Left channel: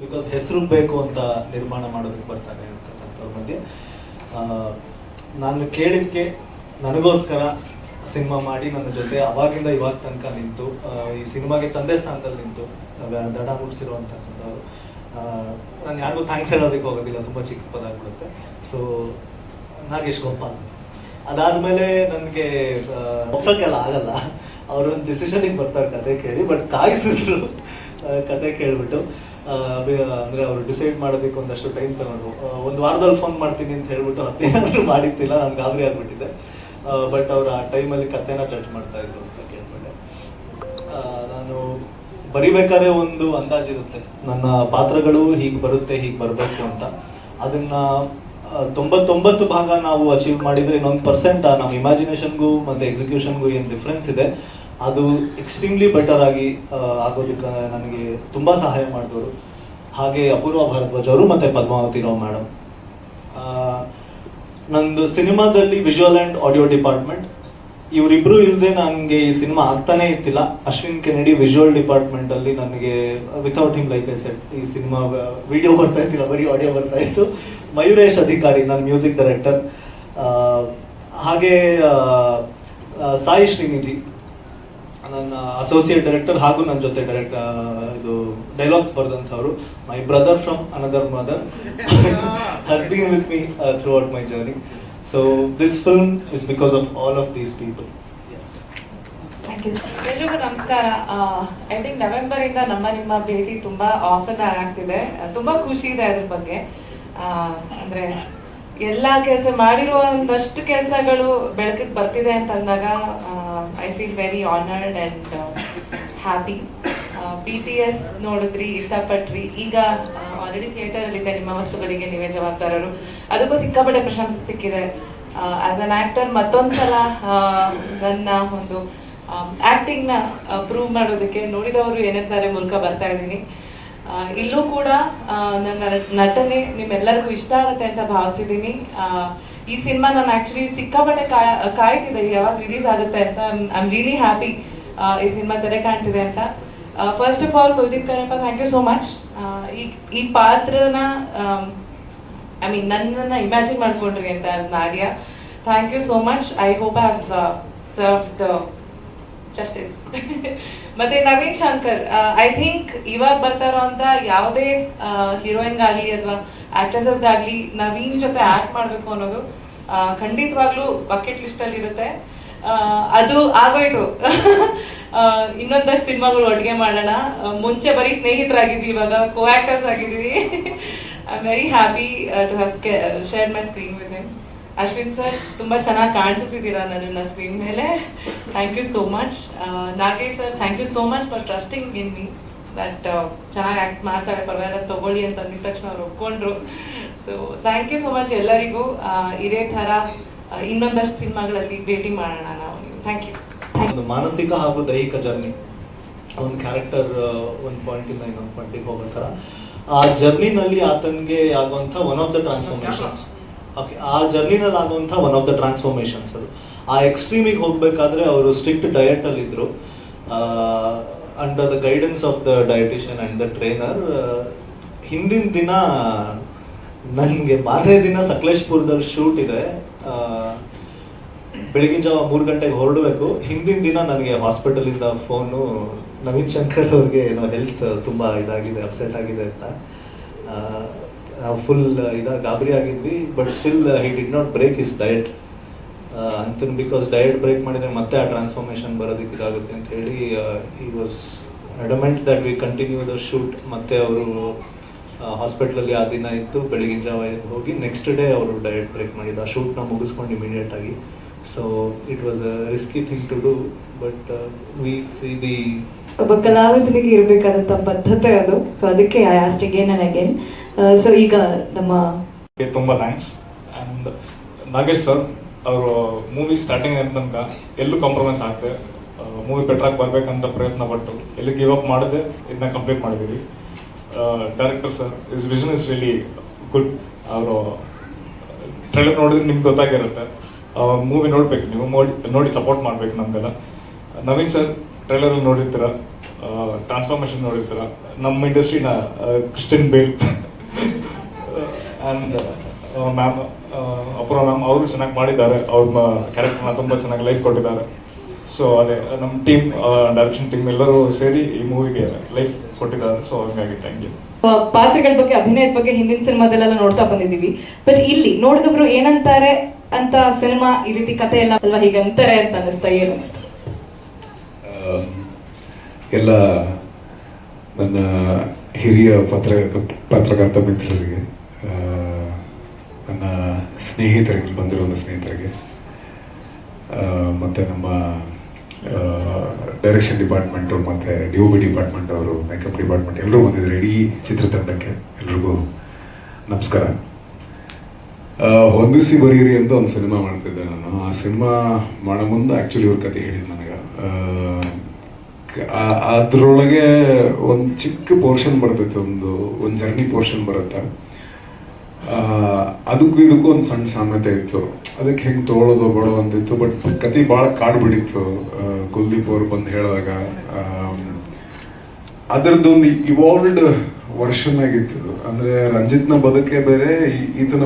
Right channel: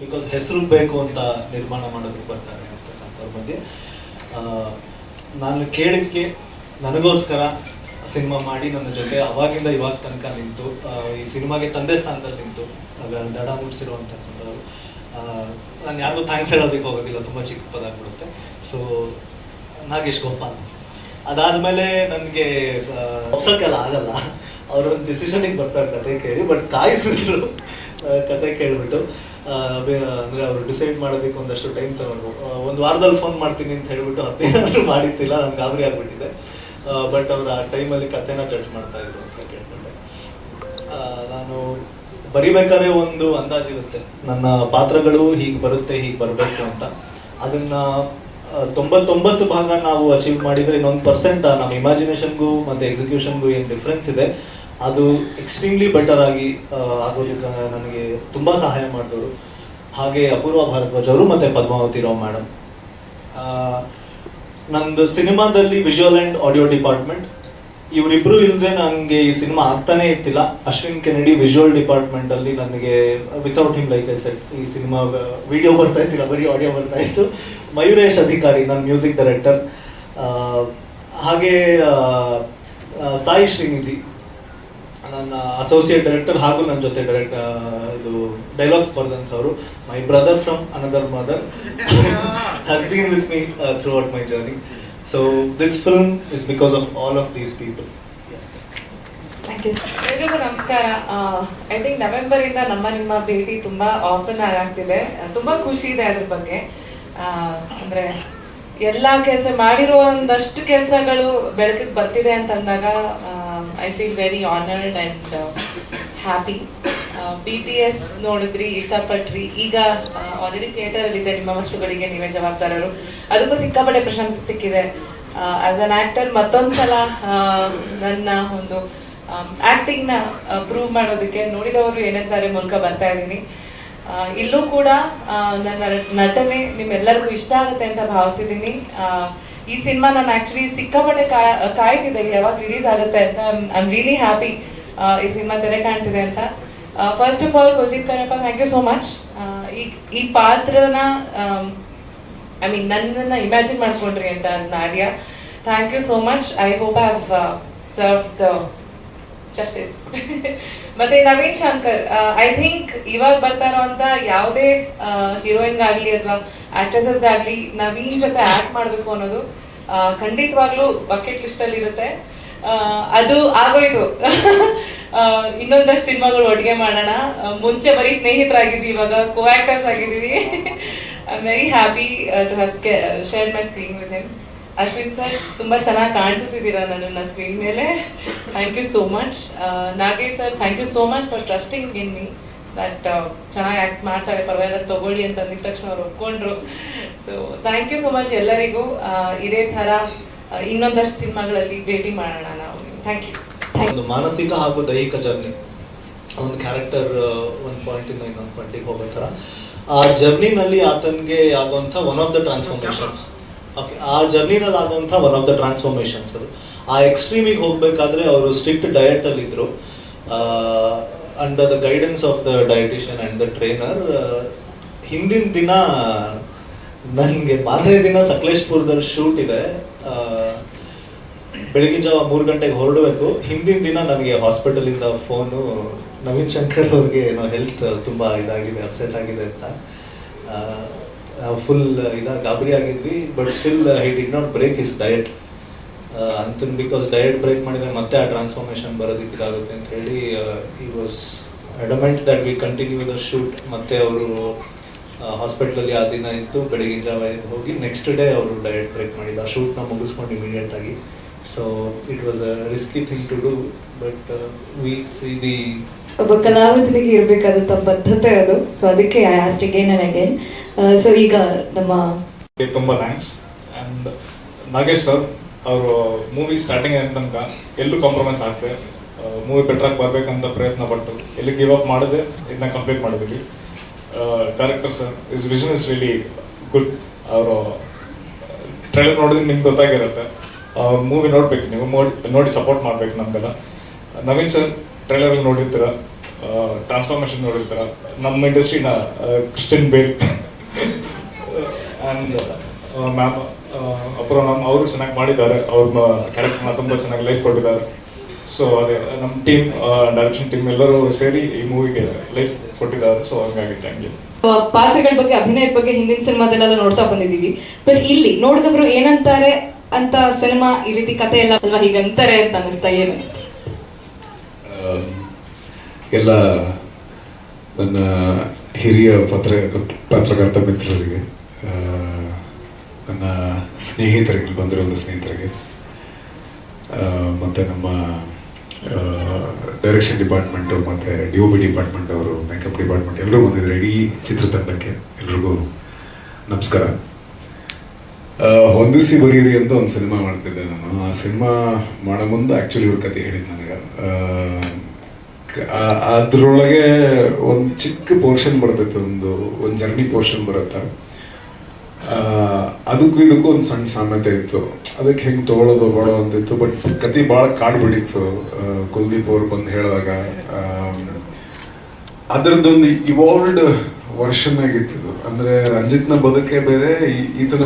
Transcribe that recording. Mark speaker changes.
Speaker 1: Because ಹೆಸರು ಬೇಕು ಅಂತ ನಿರ್ಮಾಣ ಮಾಡೋದಕ್ಕೆ ಬರ್ತಾರೆ ಅಂತಕ್ಕಂಥವ್ರ ಮಧ್ಯೆ ನಾನು ಕೇಳಿದ್ಕೆ ನನಗೋಸ್ಕರ ಸಿನಿಮಾ ಮಾಡಿ ನನ್ನ ಜೊತೆ ಅವಾಗಿಂದ ಇವಾಗ ತನಕ ನಿಂತು ಈ ಸಿನಿಮಾಗೆ ತಂದೆ ಸ್ಥಾನದಲ್ಲಿ ನಿಂತು ದಡ ಮುಗಿಸಿರುವಂತಕ್ಕಂಥವ್ರು ನಾನು ಯಾರಿಗೂ ಥ್ಯಾಂಕ್ಸ್ ಹೇಳೋದಕ್ಕೆ ಹೋಗೋದಿಲ್ಲ, ತುಂಬ ಚಿಕ್ಕ ಪದ ಆಗ್ಬಿಡುತ್ತೆ. ಸೊ ನಾಗೇಶ್ ಗೋಪಾಲ್. ಅದಾದಮೇಲೆ ನನಗೆ ಹೊಸಕ್ಕೆಲ್ಲ ಆಗಲ್ಲ. ಅವ್ರ ಒಂದು ಡಿಸಿಷನಿಗೆ ಬರ್ತಾರೆ ಕತೆ ಕೇಳಿ ಬಟ್ ಕಾಯಿಸಿದ್ರು ಕತೆ ಕೇಳ್ಬಿಟ್ಟು ಅಂದ್ರೆ ಅವರು ಡಿಸೈಡ್ ಮಾಡಬೇಕು ಒಂದಷ್ಟು ಟೈಮ್ ತಗೊಂಡು. ಒಂದು ವಾರದಲ್ಲಿ ಫೋನ್ ಮಾಡ್ತೀನಿ ಅಂತ ಹೇಳ್ಬಿಟ್ಟು ಹದಿನೇನಾದ್ರೂ ಮಾಡಿತ್ತಿಲ್ಲ ನಾನು ಗಾಬರಿ ಆಗ್ಬಿಟ್ಟಿದೆ. ಬಟ್ ಅವ್ರು ಆ ಟೈಮಲ್ಲಿ ಕಥೆನ ಜಡ್ಜ್ ಮಾಡ್ತಾ ಇದ್ರು ಅಂತ ಕೇಳ್ಕೊಂಡೆ. ನಾನು ಬರಿಬೇಕಾದ್ರೆ ಒಂದು ಅಂದಾಜಿರುತ್ತೆ ನನ್ನ ಪಾತ್ರಗಳು ಹೀಗೆ ಬರುತ್ತೆ, ಹೀಗೆ ಬರಬೇಕು ಅಂತ. ಅದನ್ನ ತೊಂಬತ್ತೊಂಬತ್ತು ಭಾಗ ನಾವು ಅಚೀವ್ ಮಾಡಿದ್ರೆ ಇನ್ನೊಂದು ಪರ್ಸೆಂಟ್ ನಮ್ಮ ಇಮ್ಯಾಜಿನೇಷನ್ಗೂ ಮತ್ತೆ ಎಕ್ಸಿಕ್ಯೂಷನ್ಗೂ ಏನು ಡಿಫ್ರೆನ್ಸ್ ಇದೆ. ಅದು ಎಕ್ಸ್ಟ್ರೀಮ್ಲಿ ಬೆಟರ್ ಆಗಿ ಆಗೋದಕ್ಕೆ ನನಗೆ ತುಂಬ ಸಹಾಯ ಮಾಡಿದವರು. ಹಾಗೆ ಅಪೂರ್ವ ಭಾರದ್ವಾಜ್ ಅವರು ಮತ್ತೆ ಪದ್ಮಾವತಿ ರಾವ್ ಮೇಡಮ್ ನಂದು ಸಿನಿಮಾದಲ್ಲಿ ವಿಜುವಲ್ ಆ್ಯಂಡ್ ಆಡಿಯೋ ಡಿಪಾರ್ಟ್ಮೆಂಟ್ ಇವರಿಬ್ರು ಇಲ್ಲದೆ ನನಗೆ ಈ ಸಿನಿಮಾ ಆಗ್ತಾನೆ ಇತ್ತಿಲ್ಲ. ಅಶ್ವಿನ್ ಕೆನಡಿ ವಿಜುವಲ್ ಡಿಪಾರ್ಟ್ಮೆಂಟ್ ಅಲ್ಲಿ ನನಗೆ without him like I set ಈ ಸಿನಿಮಾ ವಿಡಿಯೋ ಬರ್ತಾ ಇತ್ತಿಲ್ಲ ಬರೀ ಆಡಿಯೋ ಬರ್ತಾ ಇತ್ತು. ಮಯೂರೇಶ್ ಅಧಿಕಾರಿ ನನ್ನ ಮ್ಯೂಸಿಕ್ ಡೈರೆಕ್ಟರ್ ಹಾಗೆ ಸಾಯಿ ಶ್ರೀನಿಧಿ. ನನ್ನ ಅಸೋಸಿಯೇಟ್ ಡೈರೆಕ್ಟರ್ ಹಾಗೂ ನನ್ನ ಜೊತೆ ಡೈರೆಕ್ಟ್ ಇದು ಡೈಲಾಗ್ಸ್ ಅವರು my brother from another mother has been with me throughout my journey so this film is because of all of these people yes
Speaker 2: ಎಲ್ರಿಗೂ ನಮಸ್ಕಾರ. ಐ ಥಿಂಕ್ ನವೆಂಬರ್ ಇಂದ ನಮ್ಮ ನಿಮ್ಮ ಭೇಟಿ ತುಂಬಾ ಆಫನ್ ಆಗ್ತಿದೆ. ತುಂಬಾ ಖುಷಿ ಇದೆ ಅದ್ರ ಬಗ್ಗೆ. ಅಂದ್ರೆ ಎಲ್ಲಾ ಕೆಲಸ ಮಾಡಿರೋ ಒಂದಷ್ಟು ಕೆಲಸಗಳು ಬೆಳಕಿಗೆ ಬರ್ತಿದೆ ಅಂತ ಅಂದಾಗ I feel very honoured and happy B T S ನೋಡಿದ್ರಿ, ಇಷ್ಟಪಟ್ರಿ. ಈಗ ಆಲ್ರೆಡಿ ಥಿಯೇಟರ್ ಅಲ್ಲಿ ಇದೆ ನಿಮ್ಮ ವಸ್ತುಗಳಿಗೆ ನೀವೇ ಜವಾಬ್ದಾರರು. ಅದಕ್ಕೂ ಸಿಕ್ಕಾಪಟ್ಟೆ ಪ್ರಶಂಸೆ ಸಿಕ್ಕಿದೆ. ಆಸ್ ಅನ್ ಆಕ್ಟರ್ ಮತ್ತೊಂದ್ಸಲ ಸಲ ನನ್ನ ಒಂದು ಆಕ್ಟಿಂಗ್ನ ಪ್ರೂವ್ ಮಾಡೋದಕ್ಕೆ ನೋಡಿದವರು ಏನಂತಾರೆ ಮೂಲಕ ಬರ್ತಾ ಇದ್ದೀನಿ. ಇಲ್ಲೂ ಕೂಡ ನನ್ನ ನಟನೆ ನಿಮ್ಮೆಲ್ಲರಿಗೂ ಇಷ್ಟ ಆಗುತ್ತೆ ಅಂತ ಭಾವಿಸಿದ್ದೀನಿ. ಈ ಸಿನಿಮಾ ನಾನು ಆಕ್ಚುಲಿ ಸಿಕ್ಕಾಪಟ್ಟೆ ಕಾಯ್ತಿದ್ದೆ, ಇಲ್ಲಿ ಯಾವಾಗ ರಿಲೀಸ್ ಆಗುತ್ತೆ ಅಂತ. ಐ ಆಮ್ ರಿಯಲಿ ಹ್ಯಾಪಿ ಈ ಸಿನಿಮಾ ತೆರೆ ಕಾಣ್ತಿದೆ ಅಂತ. First of all Kuldeep Karappa thank you so much ಈ ಈ ಪಾತ್ರನ ಐ ಮೀನ್ ನನ್ನನ್ನು ಇಮ್ಯಾಜಿನ್ ಮಾಡ್ಕೊಂಡ್ರಿ ಅಂತ as Nadiya. Thank you so much I hope I have serve the justice ಮತ್ತೆ ನವೀನ್ ಶಂಕರ್ ಐ ಥಿಂಕ್ ಇವಾಗ ಬರ್ತಾ ಇರೋಂತ ಯಾವುದೇ ಹೀರೋಯಿನ್ ಆಗ್ಲಿ ಅಥವಾ ಆಕ್ಟ್ರೆಸಸ್ ಆಗ್ಲಿ ನವೀನ್ ಜೊತೆ ಆಕ್ಟ್ ಮಾಡಬೇಕು ಅನ್ನೋದು ಖಂಡಿತವಾಗ್ಲೂ ಬಕೆಟ್ ಲಿಸ್ಟ್ ಅಲ್ಲಿ ಇರುತ್ತೆ. ಅದು ಆಗೋಯ್ತು. ಇನ್ನೊಂದಷ್ಟು ಸಿನಿಮಾಗಳು ಒಟ್ಟಿಗೆ ಮಾಡೋಣ. ಮುಂಚೆ ಬರೀ ಸ್ನೇಹಿತರಾಗಿದ್ವಿ, ಇವಾಗ co actors ಆಗಿದ್ವಿ I am very happy to have share my screen with him Ashwin sir, ತುಂಬ ಚೆನ್ನಾಗಿ ಕಾಣಿಸಿದ್ದೀರಾ ನನ್ನನ್ನು ಸ್ಕ್ರೀನ್ ಮೇಲೆ. Thank you so much Nagesh sir thank you so much for trusting in me that ಚೆನ್ನಾಗಿ act ಮಾಡ್ತಾರೆ, ಪರವಾಗಿಲ್ಲ, ತಗೊಳ್ಳಿ ಅಂತ ಅಂದಿದ ತಕ್ಷಣ ಅವ್ರು ಒಪ್ಕೊಂಡ್ರು. So thank you so much ಎಲ್ಲರಿಗೂ. ಇದೇ ಥರ ಇನ್ನೊಂದಷ್ಟು ಸಿನಿಮಾಗಳಲ್ಲಿ ಭೇಟಿ ಮಾಡೋಣ ನಾವು. ಥ್ಯಾಂಕ್ ಯು
Speaker 1: ಒಂದು ಮಾನಸಿಕ ಹಾಗೂ ದೈಹಿಕ ಜರ್ನಿ. ಒಂದು ಕ್ಯಾರೆಕ್ಟರ್ ಒಂದು ಪಾಯಿಂಟಿಂದ ಇನ್ನೊಂದು ಪಾಯಿಂಟಿಗೆ ಹೋಗೋ ಥರ. ಆ ಜರ್ನಿನಲ್ಲಿ ಆತನಿಗೆ ಆಗುವಂಥ one of the transformations okay ಆ ಜರ್ನಿನಲ್ಲಿ ಆಗುವಂಥ ಒನ್ ಆಫ್ ದ ಟ್ರಾನ್ಸ್ಫಾರ್ಮೇಷನ್ಸ್ ಅದು. ಆ ಎಕ್ಸ್ಟ್ರೀಮಿಗೆ ಹೋಗಬೇಕಾದ್ರೆ ಅವರು strict ಡಯಟಲ್ಲಿದ್ದರು under the guidance of the dietician and the trainer ಹಿಂದಿನ ದಿನ ನನಗೆ ಮಾರನೇ ದಿನ ಸಕಲೇಶ್ಪುರದಲ್ಲಿ ಶೂಟ್ ಇದೆ. ಬೆಳಗ್ಗೆ ಬೆಳಗಿನ ಜಾವ ಮೂರು ಗಂಟೆಗೆ ಹೊರಡಬೇಕು. ಹಿಂದಿನ ದಿನ ನನಗೆ ಹಾಸ್ಪಿಟಲಿಂದ ಫೋನು ನವೀನ್ ಶಂಕರ್ ಅವ್ರಿಗೆ ಏನೋ ಹೆಲ್ತ್ ತುಂಬ ಇದಾಗಿದೆ ಅಪ್ಸೆಟ್ ಆಗಿದೆ ಅಂತ. ಫುಲ್ ಇದ, ಗಾಬರಿ ಆಗಿದ್ವಿ but still he did not break is diet ಅಂತಿಮ್ because diet break ಮಾಡಿದರೆ ಮತ್ತೆ ಆ ಟ್ರಾನ್ಸ್ಫಾರ್ಮೇಷನ್ ಬರೋದಕ್ಕೆ ಇದಾಗುತ್ತೆ ಅಂತ ಹೇಳಿ ಈ was adamant that we continue the shoot ಮತ್ತೆ ಅವರು ಹಾಸ್ಪಿಟ್ಲಲ್ಲಿ ಆ ದಿನ ಇತ್ತು ಬೆಳಿಗ್ಗೆ ಜಾವ ಹೋಗಿ ನೆಕ್ಸ್ಟ್ ಡೇ ಅವರು ಡಯಟ್ ಬ್ರೇಕ್ ಮಾಡಿದ್ದು. ಆ ಶೂಟ್ನ ಮುಗಿಸ್ಕೊಂಡು ಇಮಿಡಿಯೇಟ್ ಆಗಿ so it was risky risky to to but but we see the
Speaker 3: ಒಬ್ಬ ಕಲಾವಿದರಿಗೆ ಇರಬೇಕಾದಂಥ ಬದ್ಧತೆ ಅದು. ಸೊ ಅದಕ್ಕೆ I asked again and again so ಈಗ ನಮ್ಮ
Speaker 4: ತುಂಬ ಥ್ಯಾಂಕ್ಸ್ ಆ್ಯಂಡ್ ನಾಗೇಶ್ ಸರ್ ಅವರು ಮೂವಿ ಸ್ಟಾರ್ಟಿಂಗ್ ತನಕ ಎಲ್ಲೂ ಕಾಂಪ್ರಮೈಸ್ ಆಗ್ತದೆ ಮೂವಿ ಬೆಟ್ರಾಗಿ ಬರ್ಬೇಕಂತ ಪ್ರಯತ್ನ ಪಟ್ಟು ಎಲ್ಲಿ ಗಿವ್ ಅಪ್ ಮಾಡದೆ ಇದನ್ನ ಕಂಪ್ಲೀಟ್ ಮಾಡಿದ್ವಿ. Director sir is vision is really good ಅವರು ಟ್ರೈಲರ್ ನೋಡಿದ್ರೆ ನಿಮ್ಗೆ ಗೊತ್ತಾಗಿರುತ್ತೆ. ಮೂವಿ ನೋಡ್ಬೇಕು, ನೀವು ನೋಡಿ ಸಪೋರ್ಟ್ ಮಾಡ್ಬೇಕು ನಮ್ಗೆಲ್ಲ. ನವೀನ್ ಸರ್ ಟ್ರೈಲರಲ್ಲಿ ನೋಡಿರ್ತೀರ ಟ್ರಾನ್ಸ್ಫಾರ್ಮೇಶನ್ ನೋಡಿರ್ತೀರ, ನಮ್ಮ ಇಂಡಸ್ಟ್ರಿನ ಕ್ರಿಸ್ಟಿನ್ ಬೇಕ್ ಆ್ಯಂಡ್ ಮ್ಯಾಮ್ ಅಪ್ರೋ ನಮ್ಮ ಅವರು ಚೆನ್ನಾಗಿ ಮಾಡಿದ್ದಾರೆ. ಅವ್ರ ಕ್ಯಾರೆಕ್ಟರ್ನ ತುಂಬ ಚೆನ್ನಾಗಿ ಲೈಫ್ ಕೊಟ್ಟಿದ್ದಾರೆ. ಸೊ ಅದೇ ನಮ್ಮ ಟೀಮ್ ಡೈರೆಕ್ಷನ್ ಟೀಮ್ ಎಲ್ಲರೂ ಸೇರಿ ಈ ಮೂವಿಗೆ ಲೈಫ್ ಕೊಟ್ಟಿದ್ದಾರೆ. ಸೊ ಹಂಗಾಗಿ ಥ್ಯಾಂಕ್ ಯು
Speaker 3: ಪಾತ್ರಗಳ ಬಗ್ಗೆ, ಅಭಿನಯದ ಬಗ್ಗೆ ಹಿಂದಿನ ಸಿನಿಮಾದಲ್ಲೆಲ್ಲ ನೋಡ್ತಾ ಬಂದಿದ್ದೀವಿ. ಬಟ್ ಇಲ್ಲಿ ನೋಡಿದವರು ಏನಂತಾರೆ? ಅಂತ ಸಿನಿಮಾ ಈ ರೀತಿ ಕಥೆ ಎಲ್ಲ ಅಲ್ವಾ ಹೀಗಂತಾರೆ ಅಂತ ಅನಿಸ್ತಾ ಏನು
Speaker 5: ಎಲ್ಲ ನನ್ನ ಹಿರಿಯ ಪತ್ರ ಪತ್ರಕರ್ತ ಮಿತ್ರರಿಗೆ ನನ್ನ ಸ್ನೇಹಿತರಿಗೆ ಬಂದಿರೋ ಸ್ನೇಹಿತರಿಗೆ ಮತ್ತು ನಮ್ಮ ಡೈರೆಕ್ಷನ್ ಡಿಪಾರ್ಟ್ಮೆಂಟು ಮತ್ತು ಡಿ ಬಿ ಡಿಪಾರ್ಟ್ಮೆಂಟ್ ಅವರು ಮೇಕಪ್ ಡಿಪಾರ್ಟ್ಮೆಂಟ್ ಎಲ್ಲರೂ ಬಂದಿದ್ದಾರೆ. ಇಡೀ ಚಿತ್ರತಂಡಕ್ಕೆ ಎಲ್ರಿಗೂ ನಮಸ್ಕಾರ. ಹೊಂದಿಸಿ ಬರೀರಿ ಅಂತ ಒಂದು ಸಿನಿಮಾ ಮಾಡ್ತಿದ್ದೆ ನಾನು. ಆ ಸಿನಿಮಾ ಮಾಡೋ ಮುಂದೆ ಆ್ಯಕ್ಚುಲಿ ಇವ್ರ ಕತೆ ಹೇಳಿದ್ದು ನನಗೆ. ಅದ್ರೊಳಗೆ ಒಂದು ಚಿಕ್ಕ ಪೋರ್ಷನ್ ಬರ್ತೈತೆ, ಒಂದು ಒಂದು ಜರ್ನಿ ಪೋರ್ಷನ್ ಬರುತ್ತೆ. ಅದಕ್ಕೂ ಇದಕ್ಕೂ ಒಂದು ಸಣ್ಣ ಸಾಮ್ಯತೆ ಇತ್ತು. ಅದಕ್ಕೆ ಹೆಂಗೆ ತೊಗೊಳೋದು ಬಡೋ ಅಂತಿತ್ತು ಬಟ್ ಕತೆ ಭಾಳ ಕಾಡು ಬಿಡಿತ್ತು ಕುಲ್ದೀಪ್ ಅವ್ರು ಬಂದು ಹೇಳಿದಾಗ ಅದರದ್ದೊಂದು ಇವಾಲ್ವ್ಡ್ ವರ್ಷನ್ ಆಗಿತ್ತು. ಅಂದ್ರೆ ರಂಜಿತ್ನ ಬದುಕೇ ಬೇರೆ ಈತನ